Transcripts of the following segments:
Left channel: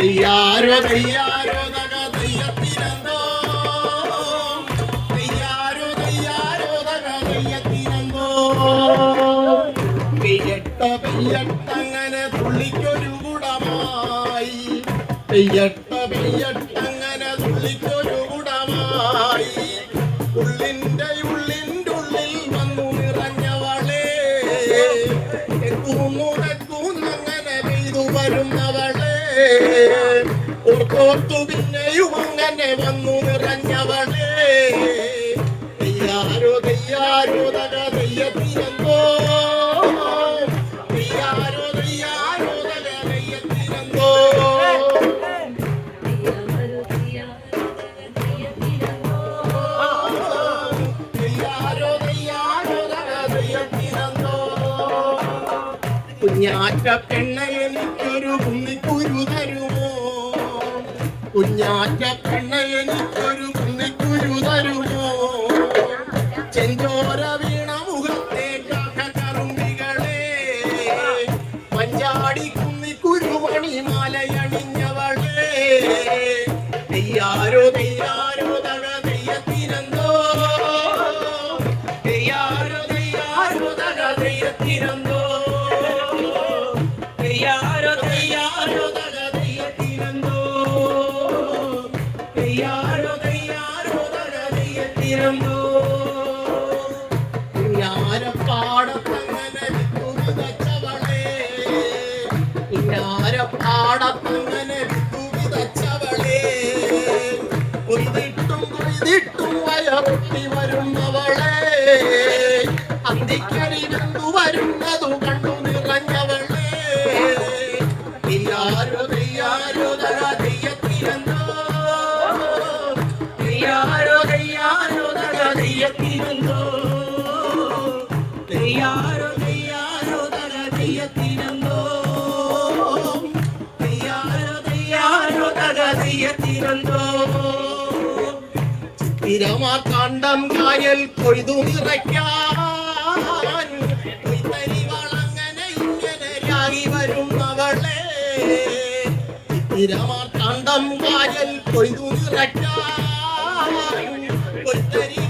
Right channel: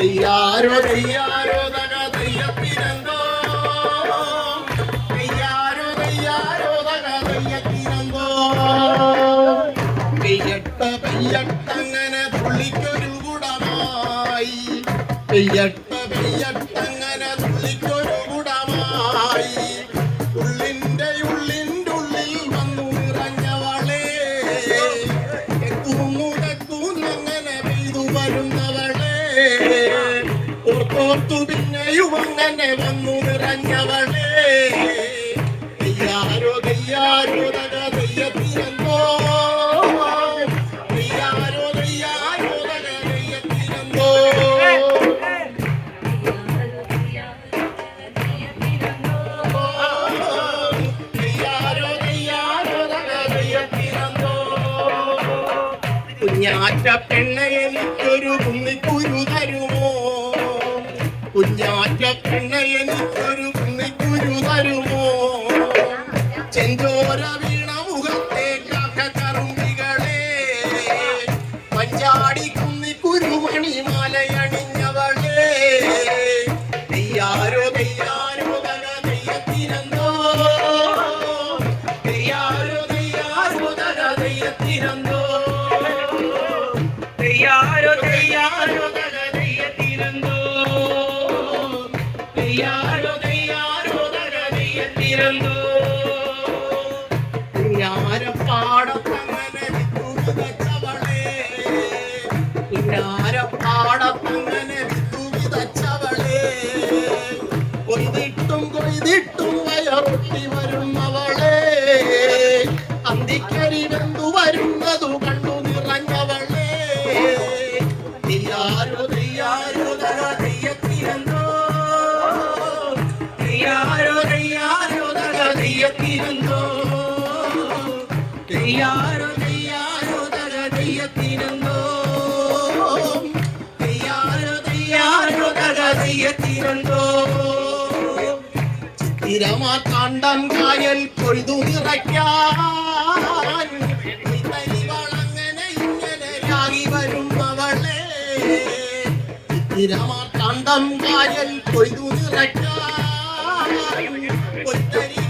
തെയ്യാരോ തെയ്യാരോ തക തെയ്യത്തിനന്തോ തെയ്യാരോ തെയ്യാരോ തക തെയ്യത്തിനന്തോ പെയ്യട്ട പെയ്യട്ടങ്ങനെ തുള്ളിക്കൊരു കുടമായി. പെയ്യട്ട പെയ്യട്ടങ്ങനെ തുള്ളിക്കൊരു കുടമായി. ഉള്ളിന്റെ ഉള്ളിന്റെ ഉള്ളിൽ വന്നു നിറഞ്ഞവളെ എത്തൂന്നങ്ങനെ പെയ്തു വരുന്നവളെ അങ്ങനെ വന്നു നിറഞ്ഞവളെ തെയ്യാരോ തെയ്യാരോ തക തെയ്യത്തിനെന്തോ തെയ്യാരോ തെയ്യാരോ തക തെയ്യത്തിനെന്തോ കുഞ്ഞാറ്റ പെണ്ണ എനിക്കൊരു കുന്നിക്കുരു എനിക്കൊരു കുന്നിക്കുരു തരുമോ? ചെഞ്ചോര വീണ മുഖത്തെ കാക്കറുമ്പികളെ പഞ്ചാടി കുന്നിക്കുരു മണിമാലയണിഞ്ഞവളെ തെയ്യാരോ തെയ്യാരോ തക തെയ്യത്തിനെന്തോ വിത്തു വിതച്ചവളെ കൊയ്തിട്ടും കൊയ്തിട്ടും വയറൊട്ടി വരുന്നവളെ തെയ്യാരോ തക തെയ്യത്തിനെന്തോ തെയ്യാരോ തെയ്യാരോ തക തെയ്യത്തിനെന്തോ തിരമാ കണ്ടം കായൽ കൊയ്തു നിറയ്ക്കാൻ കൊയ്ത്തരിവാളങ്ങനെ ഇങ്ങനെ രാഗി വരുന്നവളെ തിരമാ കാണ്ടം കായൽ കൊയ്തു നിറയ്ക്കാൻ കൊയ്ത്തരിവാളങ്ങനെ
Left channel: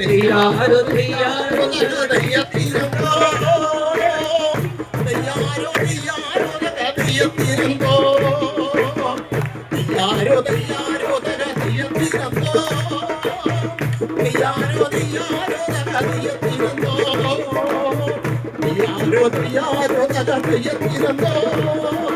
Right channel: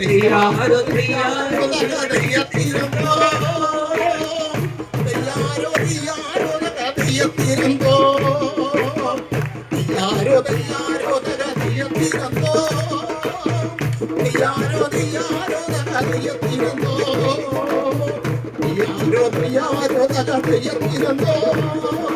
തെയ്യാരോ തെയ്യാരോ തക തെയ്യത്തിനെന്തോ തെയ്യാരോ തെയ്യാരോ തക തെയ്യത്തിനെന്തോ തെയ്യാരോ തെയ്യാരോ തക തെയ്യത്തിനെന്തോ തെയ്യാരോ തെയ്യാരോ തക തെയ്യത്തിനെന്തോ തെയ്യാരോ തെയ്യാരോ തക തെയ്യത്തിനെന്തോ